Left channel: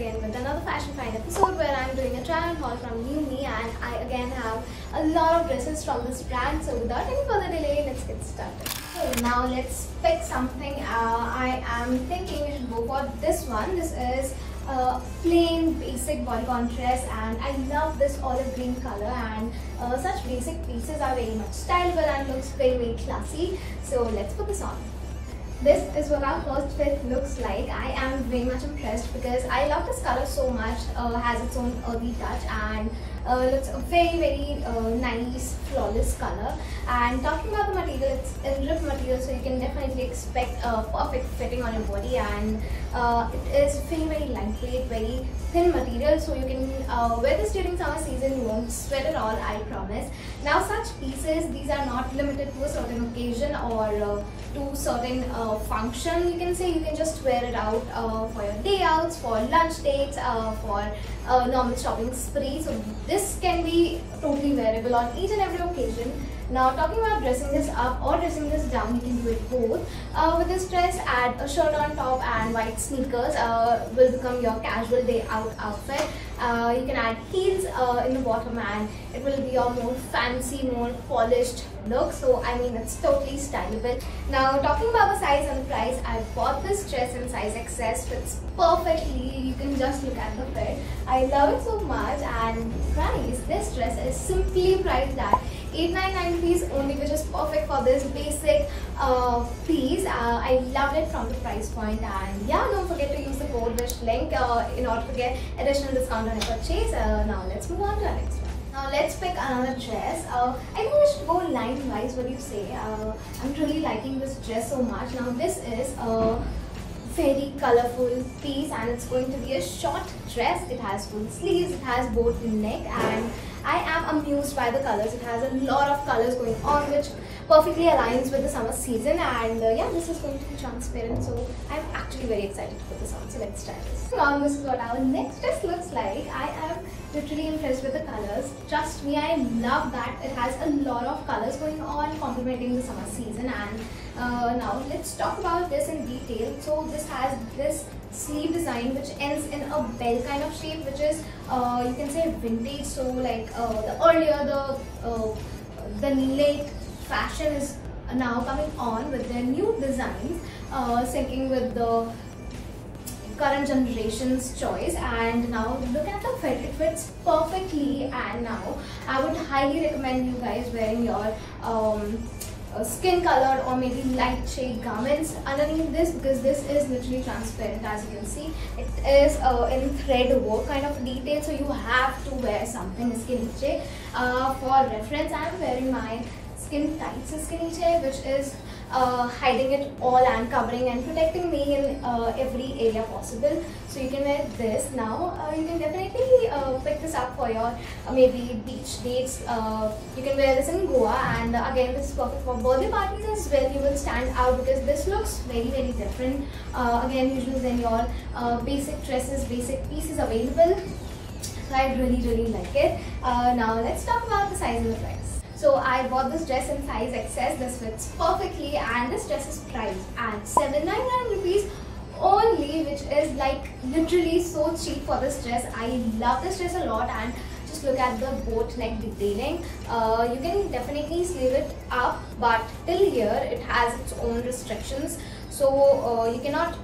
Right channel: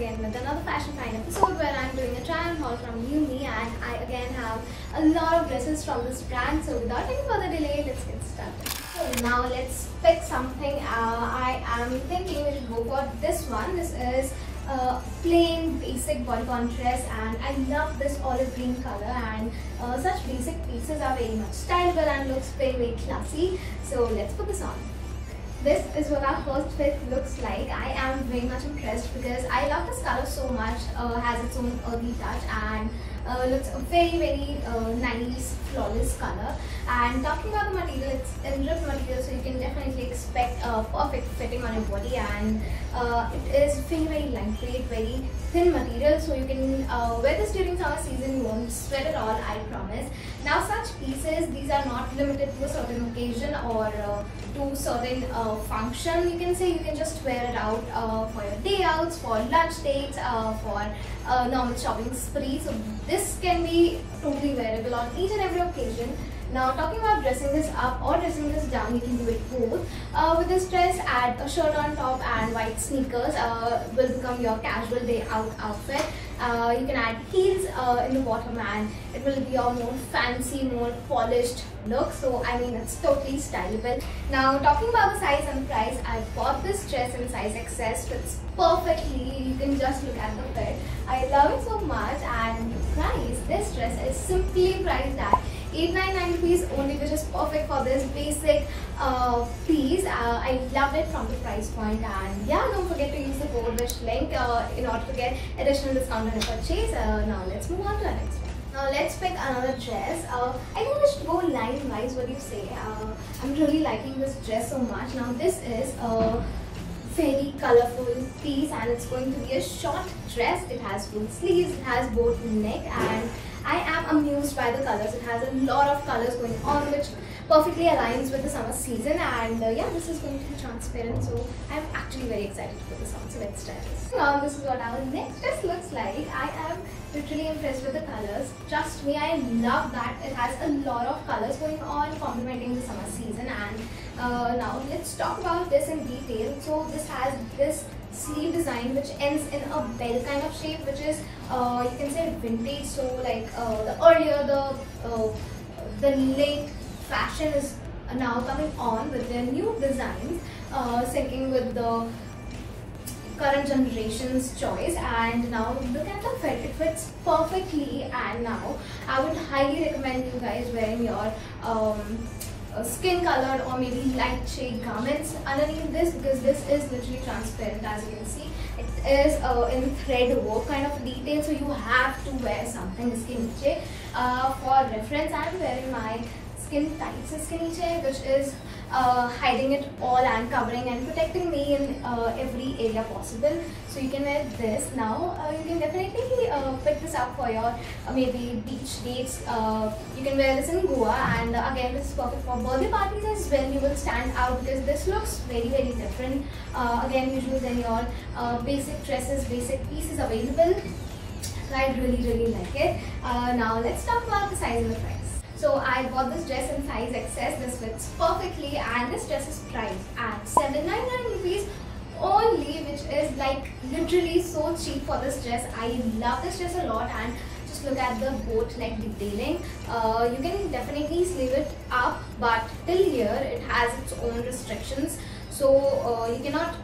again with another Fashion Find episode where I'm doing a try on haul from New Me, and I again have a lot of dresses from this brand. So without any further delay, let's get started. So now let's pick something. I am thinking we should go for this one. This is a plain basic bodycon dress, and I love this olive green color, and such basic pieces are very much stylable and looks very classy. So let's put this on. This is what our first fit looks like. I am very much impressed because I love this color so much. Has its own earthy touch and looks a very nice flawless color. And talking about the material, it's MDF material, so you can definitely expect a perfect fitting on your body, and it is very lightweight, very thin material, so you can wear this during summer season. You won't sweat at all, I promise. Now such pieces, these are not limited to a certain occasion or to certain function. You can say you can just wear it out for your day outs, for lunch dates, for normal shopping spree. So this can be totally wearable on each and every occasion. Now talking about dressing this up or dressing this down, you can do it both. With this dress, add a shirt on top and white sneakers will become your casual day out outfit. You can add heels in the bottom, and it will be your more fancy, more polished look. So I mean, it's totally stylable. Now talking about the size and the price, I bought this dress in size XS. Fits perfectly. You can just look at the fit. I love it so much. And price, this dress is simply priced at 899 rupees only, which is perfect for this basic piece. I loved it from the price point, and yeah, don't forget to use the code wish link in order to get additional discount on your purchase. Now let's move on to our next one. Now let's pick another dress. I think we should go line wise. What do you say? I'm really liking this dress so much. Now this is a very colorful piece, and it's going to be a short dress. It has full sleeves, it has boat neck, and I am amused by the colors. It has a lot of colors going on, which perfectly aligns with the summer season. And yeah, this is going to be transparent, so I'm actually very excited to put this on. So let's try this. Now this is what our next dress looks like. I am literally impressed with the colors. Trust me, I love that it has a lot of colors going on, complementing the summer season. And now let's talk about this in detail. So this has this sleeve design which ends in a bell kind of shape, which is you can say vintage. So like the late fashion is now coming on with their new designs, syncing with the current generation's choice. And now look at the fit, it fits perfectly. And now I would highly recommend you guys wearing your skin colored or maybe light shade garments underneath this, because this is literally transparent. As you can see, it is in thread work kind of detail, so you have to wear something skin shade. For reference, I am wearing my skin tights skinny chair, which is hiding it all and covering and protecting me in every area possible. So you can wear this. Now you can definitely pick this up for your maybe beach dates. You can wear this in Goa, and again this is perfect for birthday parties as well. You will stand out because this looks very different. Again, usually then your basic dresses, basic pieces available. So I really like it. Now let's talk about the size and the price. So I bought this dress in size XS. This fits perfectly, and this dress is priced at 799 rupees only, which is like literally so cheap for this dress. I love this dress a lot, and just look at the boat like detailing. You can definitely sleeve it up, but till here it has its own restrictions, so you cannot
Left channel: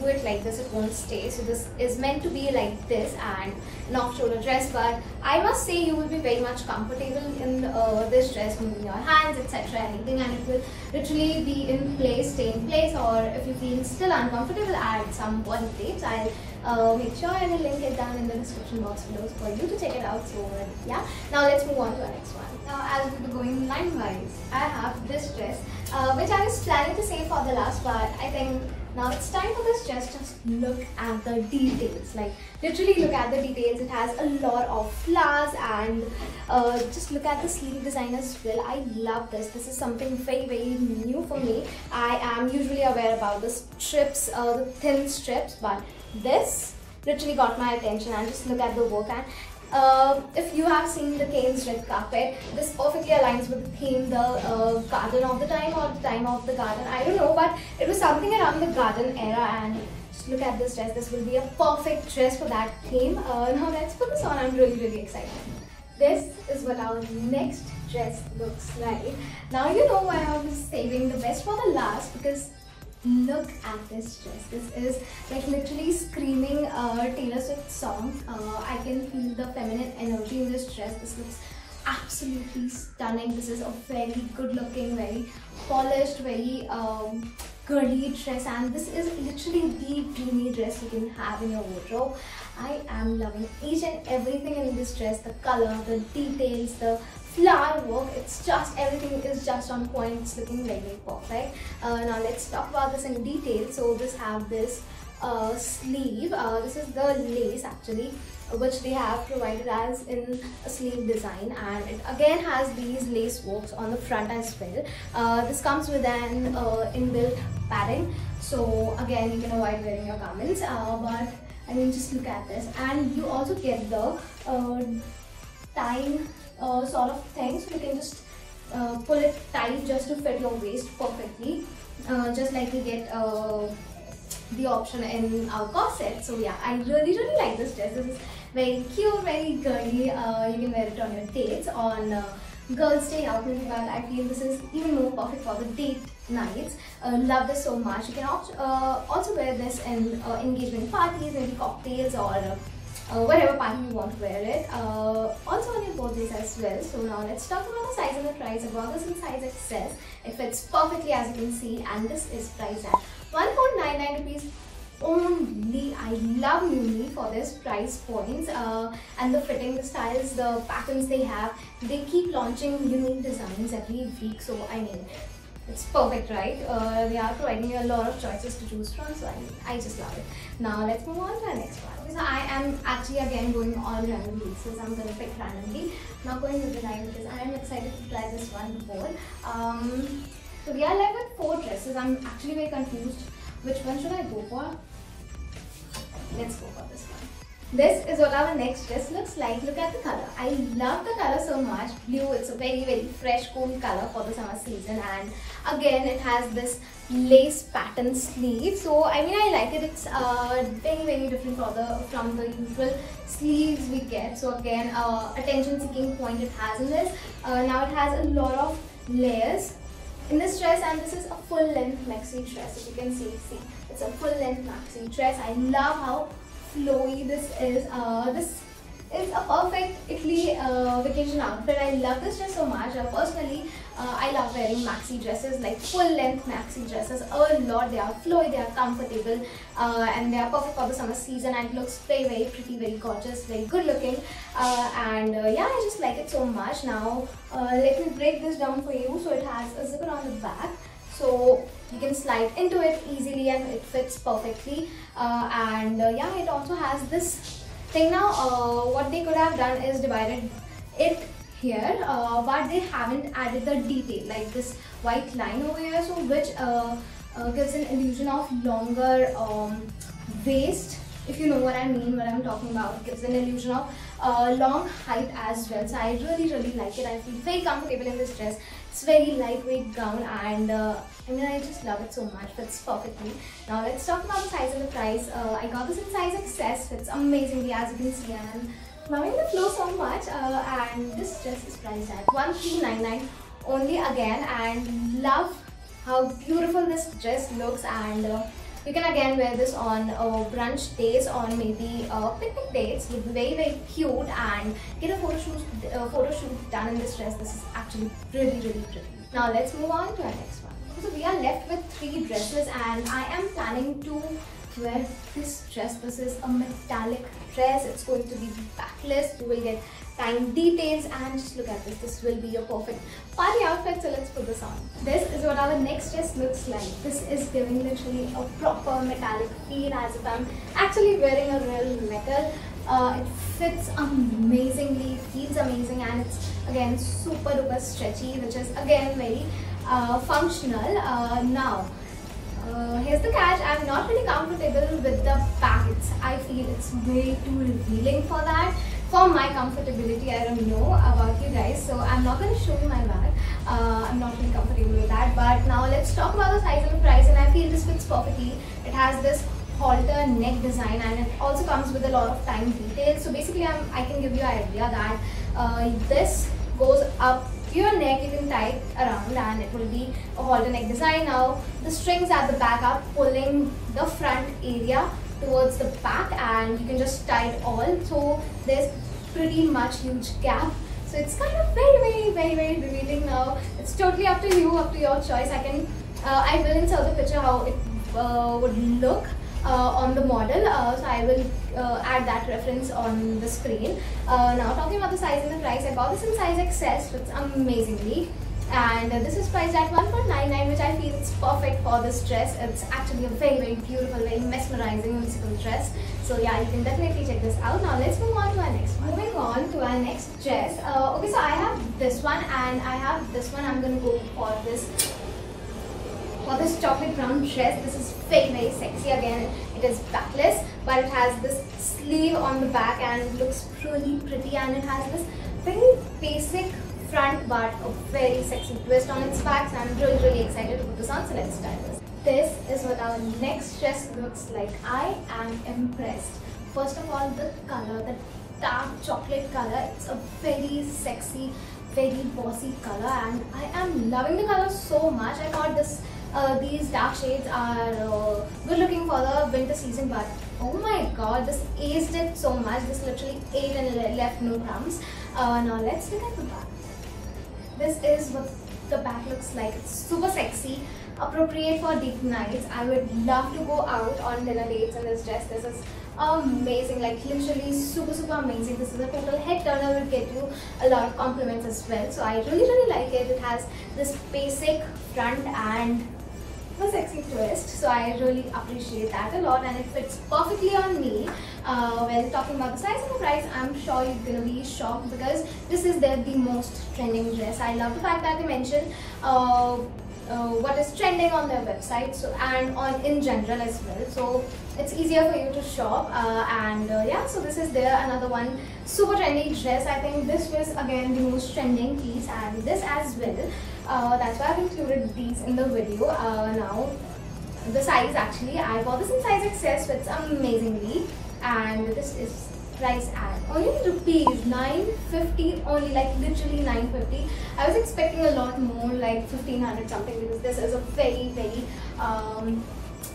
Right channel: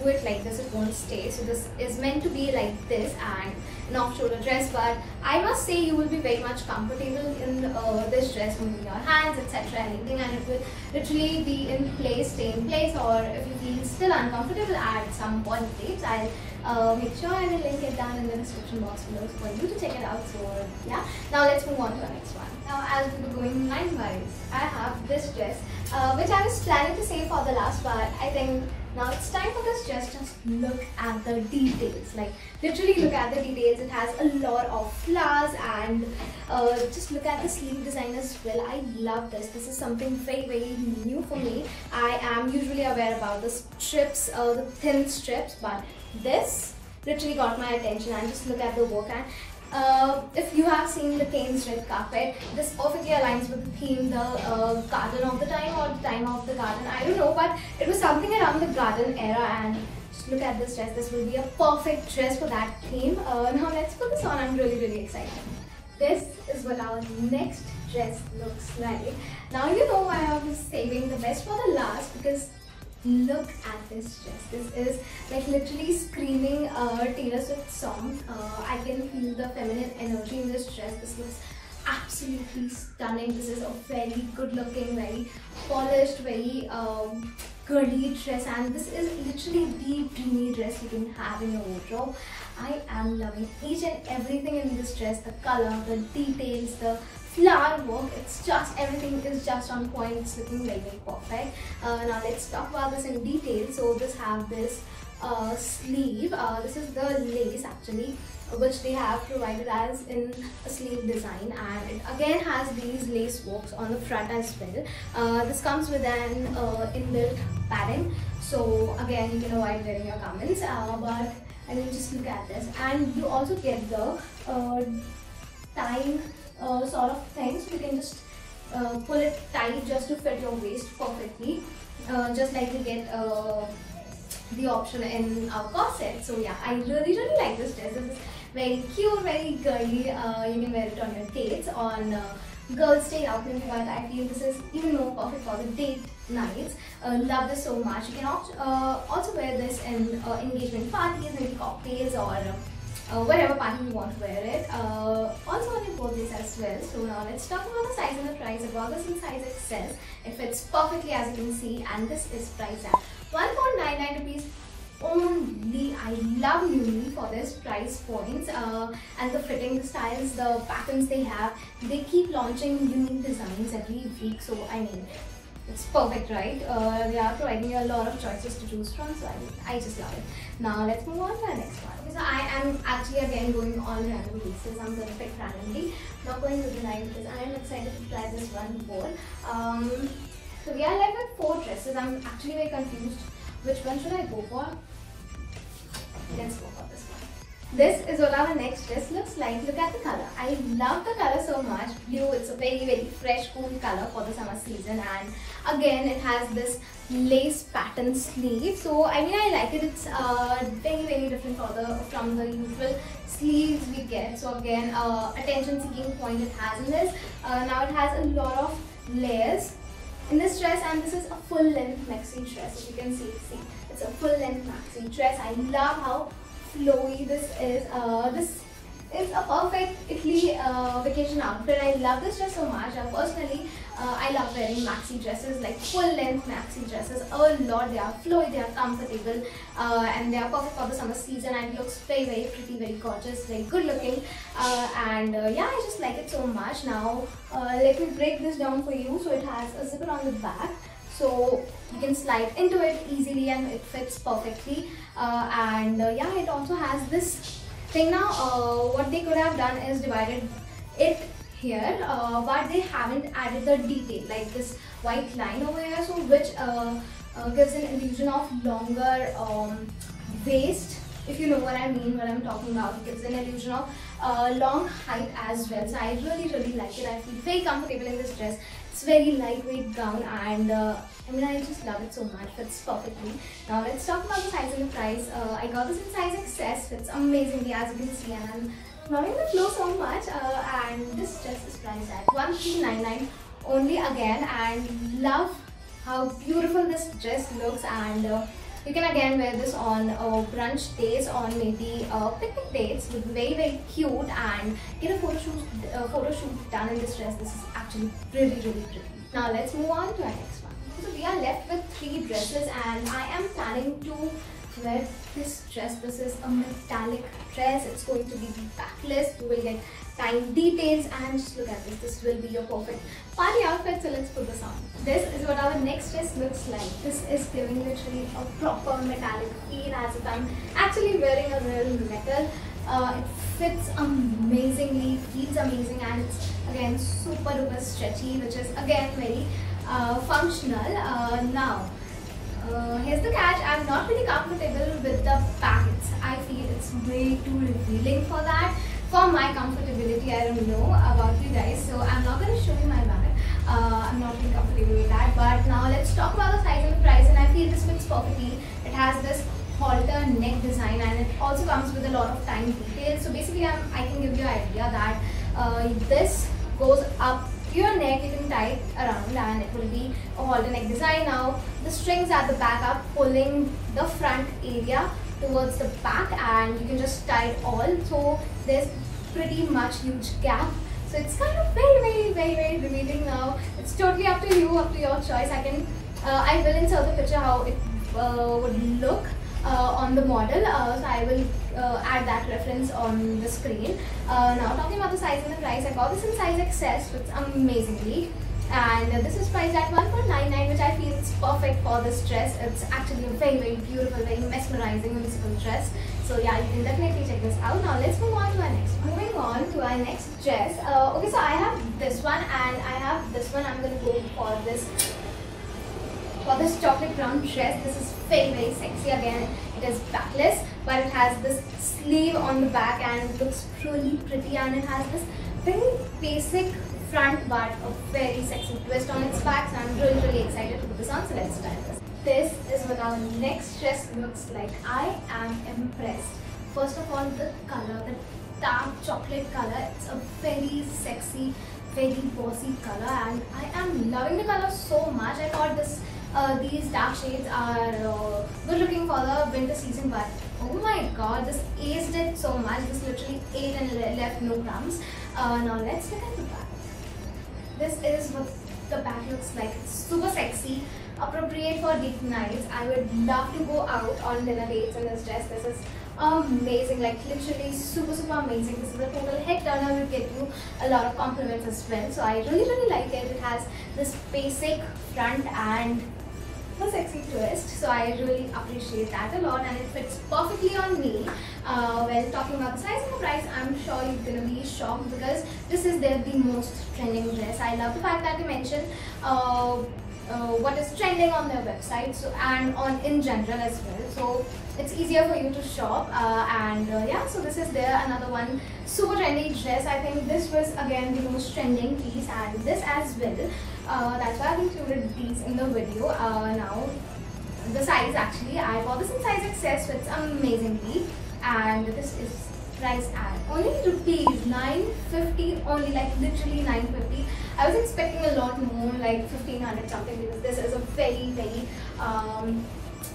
do it like this, it won't stay. So this is meant to be like this and an off-shoulder dress, but I must say you will be very much comfortable in this dress, moving your hands, etc., anything, and it will literally be in place, stay in place. Or if you feel still uncomfortable at some point dates, I'll make sure I will link it down in the description box below for you to check it out. So yeah, now let's move on to our next one. Now as we were going line wise, I have this dress which I was planning to save for the last part. I think now it's time for this dress. Just look at the details, like literally look at the details. It has a lot of flowers, and just look at the sleeve design as well. I love this. This is something very new for me. I am usually aware about the strips, the thin strips, but this literally got my attention. And just look at the work. And if you have seen the Kane's red carpet, this perfectly aligns with the theme, the garden of the time or the time of the garden. I don't know, but it was something around the garden era, and Just look at this dress. This will be a perfect dress for that theme. Now let's put this on. I'm really excited. This is what our next dress looks like. Now you know why I was saving the best for the last, because look at this dress. This is like literally screaming Taylor Swift song. I can feel the feminine energy in this dress. This looks absolutely stunning. This is a very good looking, very polished, very girly dress, and this is literally the dreamy dress you can have in your wardrobe. I am loving each and everything in this dress. The color, the details, the flower work, it's just, everything is just on point. It's looking very perfect. Now let's talk about this in detail. So this have this sleeve. This is the lace actually, which they have provided as in a sleeve design, and it again has these lace works on the front as well. This comes with an inbuilt padding, so again you can avoid wearing your garments, but I mean, just look at this. And you also get the tie sort of thing, so you can just pull it tight just to fit your waist perfectly, just like you get the option in our corset. So yeah, I really like this dress. This is very cute, very girly. You can wear it on your dates, on girls' day out, but I feel this is even more perfect for the date nights. Love this so much. You can also wear this in engagement parties, maybe cocktails, or whatever party you want to wear it. Also on your birthdays as well. So now let's talk about the size and the price. I brought this in size XS. It fits perfectly as you can see, and this is priced at 1.99 rupees only. I love Miu for this price points, and the fitting, the styles, the patterns they have. They keep launching unique designs every week, so I mean, it's perfect, right? They are providing you a lot of choices to choose from, so I just love it. Now let's move on to our next one. Okay, so I am actually again going all random pieces. I'm going to pick randomly, not going with the line, because I am excited to try this one more. So we are left with 4 dresses. I'm actually very confused. Which one should I go for? Let's go for this one. This is what our next dress looks like. Look at the color. I love the color so much. Blue, it's a very fresh, cool color for the summer season, and again it has this lace pattern sleeve. So I mean, I like it. It's very different from the usual sleeves we get. So again, attention seeking point it has in this. Now it has a lot of layers in this dress, and this is a full length maxi dress. If you can see, it's a full length maxi dress. I love how flowy this is. This is a perfect Italy vacation outfit. I love this dress so much. Personally, I love wearing maxi dresses, like full length maxi dresses a lot. They are flowy, they are comfortable, and they are perfect for the summer season, and it looks very pretty, very gorgeous, very good looking, and yeah, I just like it so much. Now let me break this down for you. So it has a zipper on the back, so you can slide into it easily and it fits perfectly, and yeah, it also has this thing. Now what they could have done is divided it here, but they haven't added the detail like this white line over here, so which gives an illusion of longer waist, if you know what I mean, what I'm talking about. It gives an illusion of long height as well. So I really like it. I feel very comfortable in this dress. It's very lightweight gown, and I mean, I just love it so much. Fits perfectly. Now let's talk about the size and the price. I got this in size XS. Fits amazingly, as you can see, and I'm loving the flow so much. And this dress is priced at 1399 only again, and love how beautiful this dress looks. And you can again wear this on brunch days, on maybe picnic dates. Would be very cute, and get a photo shoot done in this dress. This is actually really pretty. Now let's move on to our next one. So we are left with 3 dresses, and I am planning to wear this dress. This is a metallic dress. It's going to be backless. You will get tiny details, and just look at this. This will be your perfect party outfit. So let's put this on. This is what our next dress looks like. This is giving literally a proper metallic feel, as if I'm actually wearing a real metal. It fits amazingly, feels amazing, and it's again super duper stretchy, which is again very functional. Now here's the catch. I'm not really comfortable with the back. I feel it's way too revealing for that. For my comfortability, I don't know about you guys, so I'm not going to show you my bag. I'm not really comfortable with that. But now let's talk about the size and the price, and I feel this fits perfectly. It has this halter neck design, and it also comes with a lot of time details. So basically I can give you an idea that this goes up your neck, you can tie it around, and it will be a halter neck design. Now the strings at the back are pulling the front area towards the back, and you can just tie it all. So there's pretty much huge gap, so it's kind of very revealing. Now it's totally up to you, up to your choice. I will insert the picture how it would look on the model, so I will add that reference on the screen. Now talking about the size and the price, I got this in size XS, fits amazingly, and this is priced at 1.99, which I feel is perfect for this dress. It's actually a very beautiful, very mesmerizing musical dress. So yeah, you can definitely check this out. Now let's move on to our next one. Moving on to our next dress. Okay, so I have this one and I have this one. I'm going to go for this chocolate brown dress. This is very sexy. Again, it is backless, but it has this sleeve on the back and it looks really pretty, and it has this very basic front but a very sexy twist on its back. So I'm really excited to put this on. So let's try this. This is what our next dress looks like. I am impressed. First of all, the color, the dark chocolate color, it's a very sexy, very bossy color, and I am loving the color so much. I thought these dark shades are good looking for the winter season, but oh my god, this aced it so much. This literally ate and left no crumbs. Now let's look at the back. This is what the back looks like. It's super sexy, appropriate for date nights. I would love to go out on dinner dates in this dress. This is amazing, like literally super amazing. This is a total head turner, will get you a lot of compliments as well. So I really like it. It has this basic front and a sexy twist, so I really appreciate that a lot, and it fits perfectly on me. When talking about the size and the price, I'm sure you're gonna be shocked because this is the most trending dress. I love the fact that they mention what is trending on their website, so and on in general as well, so it's easier for you to shop. Yeah, so this is there, another one super trendy dress. I think this was again the most trending piece, and this as well. That's why I've included these in the video. Now the size, actually I bought this in size XS, so it's amazingly, and this is priced at only rupees 950 only, like literally 950. I was expecting a lot more, like 1500 something, because this is a very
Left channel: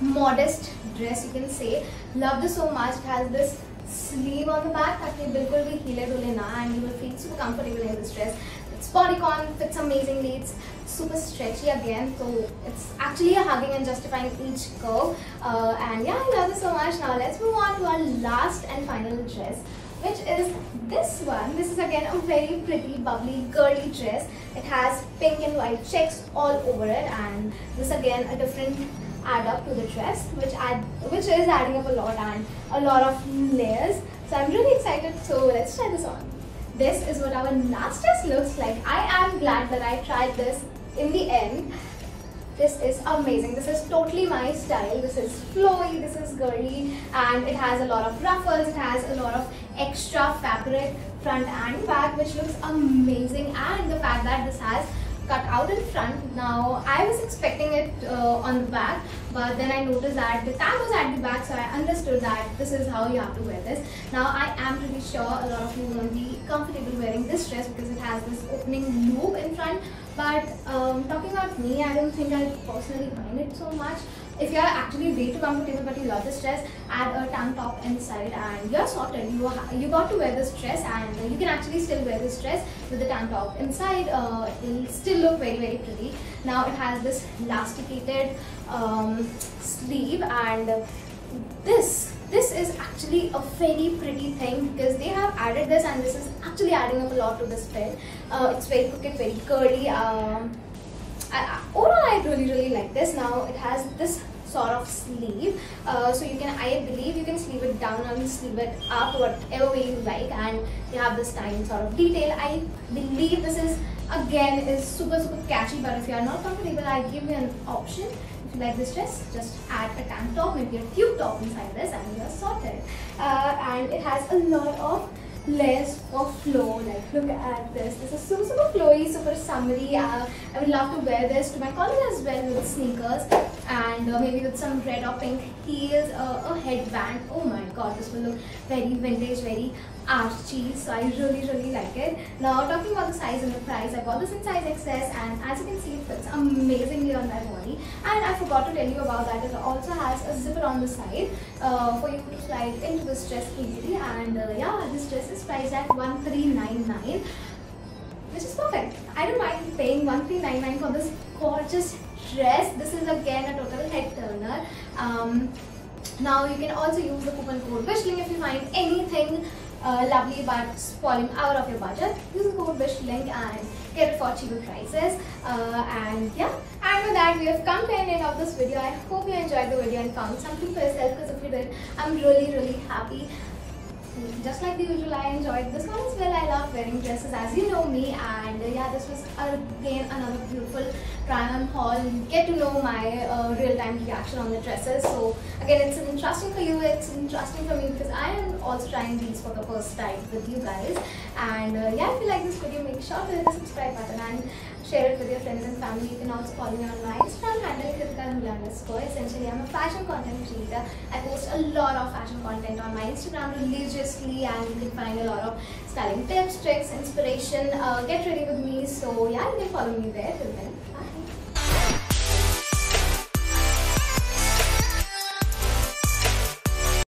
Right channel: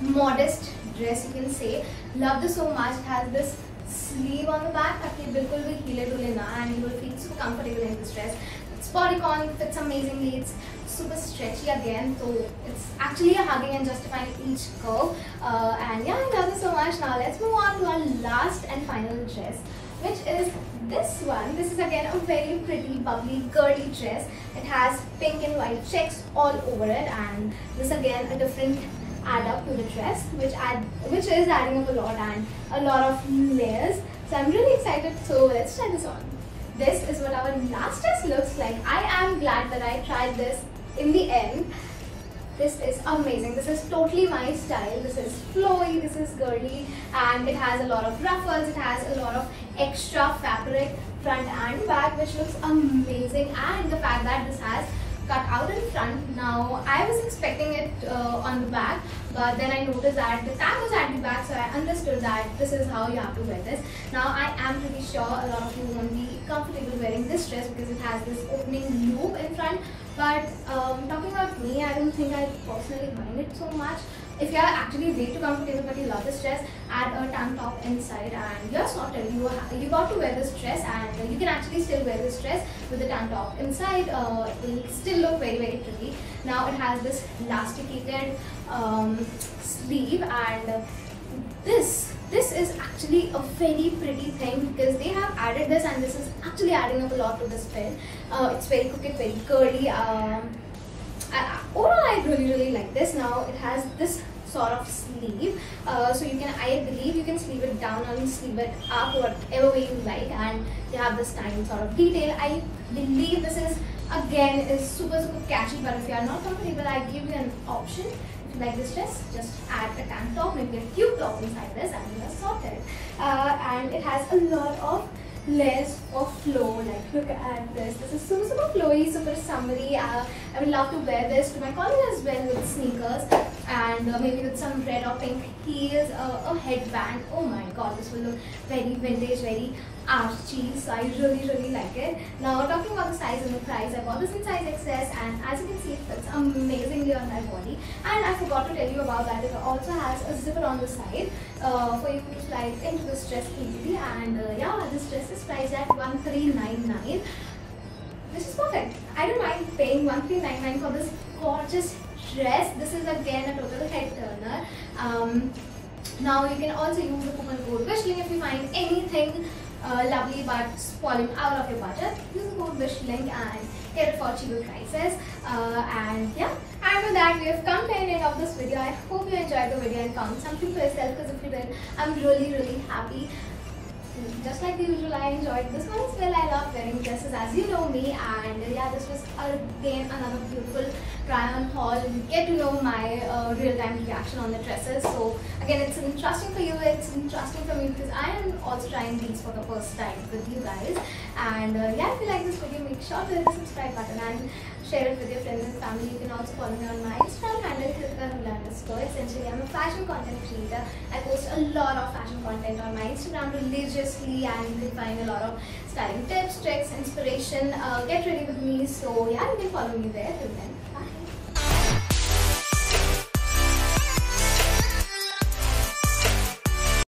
modest dress, you can say. Love this so much. It has this sleeve on the back that will bilkul bhi hile dule na, and you will feel super comfortable in this dress. It's bodycon, fits amazingly, it's super stretchy again, so it's actually a hugging and justifying each curve. And yeah, I love this so much. Now let's move on to our last and final dress, which is this one. This is again a very pretty, bubbly, girly dress. It has pink and white checks all over it, and this again a different add up to the dress, which is adding up a lot, and a lot of layers. So I'm really excited. So let's try this on. This is what our last dress looks like. I am glad that I tried this in the end. This is amazing. This is totally my style. This is flowy, this is girly, and it has a lot of ruffles. It has a lot of extra fabric front and back, which looks amazing. And the fact that this has cut out in front. Now I was expecting it on the back, but then I noticed that the tag was at the back, so I understood that this is how you have to wear this. Now I am pretty sure a lot of you won't be comfortable wearing this dress because it has this opening loop in front, but talking about me, I don't think I personally mind it so much. If you are actually way too comfortable but you love this dress, add a tank top inside and you're sorted. You got to wear this dress, and you can actually still wear this dress with the tank top inside. It will still look very pretty. Now it has this elasticated sleeve, and this is actually a very pretty thing because they have added this, and this is actually adding up a lot to this fit. It's very crooked, very curly. Overall, I really like this. Now it has this sort of sleeve, so you can, I believe you can sleeve it down or sleeve it up, whatever way you like, and you have this tiny sort of detail. I believe this is again is super catchy, but if you are not comfortable, I give you an option. If you like this dress, just add a tank top, maybe a cute top inside this, and you are sorted. And it has a lot of layers of flow. Like look at this. This is super flowy, super summery. I would love to wear this to my college as well with sneakers and maybe with some red or pink heels, a headband. Oh my god, this will look very vintage, very archy. So I really like it. Now talking about the size and the price, I bought this in size XS and as you can see it fits amazingly on my body. And I forgot to tell you about that, it also has a zipper on the side for you to slide into this dress easily. And yeah, this dress is priced at 1399, which is perfect. I don't mind paying 1399 for this gorgeous dress. This is again a total head turner. Now you can also use the coupon code WISHLINK if you find anything lovely but falling out of your budget. Use the code WISHLINK and get it for cheaper prices. And yeah, and with that we have come to the end of this video. I hope you enjoyed the video and found something for yourself, because if you did, I'm really happy. Just like the usual, I enjoyed this one as well. I love wearing dresses, as you know me, and yeah, this was again another beautiful try-on haul. You get to know my real-time reaction on the dresses. So again, it's interesting for you, it's interesting for me, because I am also trying these for the first time with you guys. And yeah, if you like this video, make sure to hit the subscribe button and share it with your friends and family. You can also follow me on my Instagram handle, _. Essentially, I'm a fashion content creator. I post a lot of fashion content on my Instagram religiously, and you can find a lot of styling tips, tricks, inspiration. Get ready with me. So yeah, you can follow me there. Till then, bye.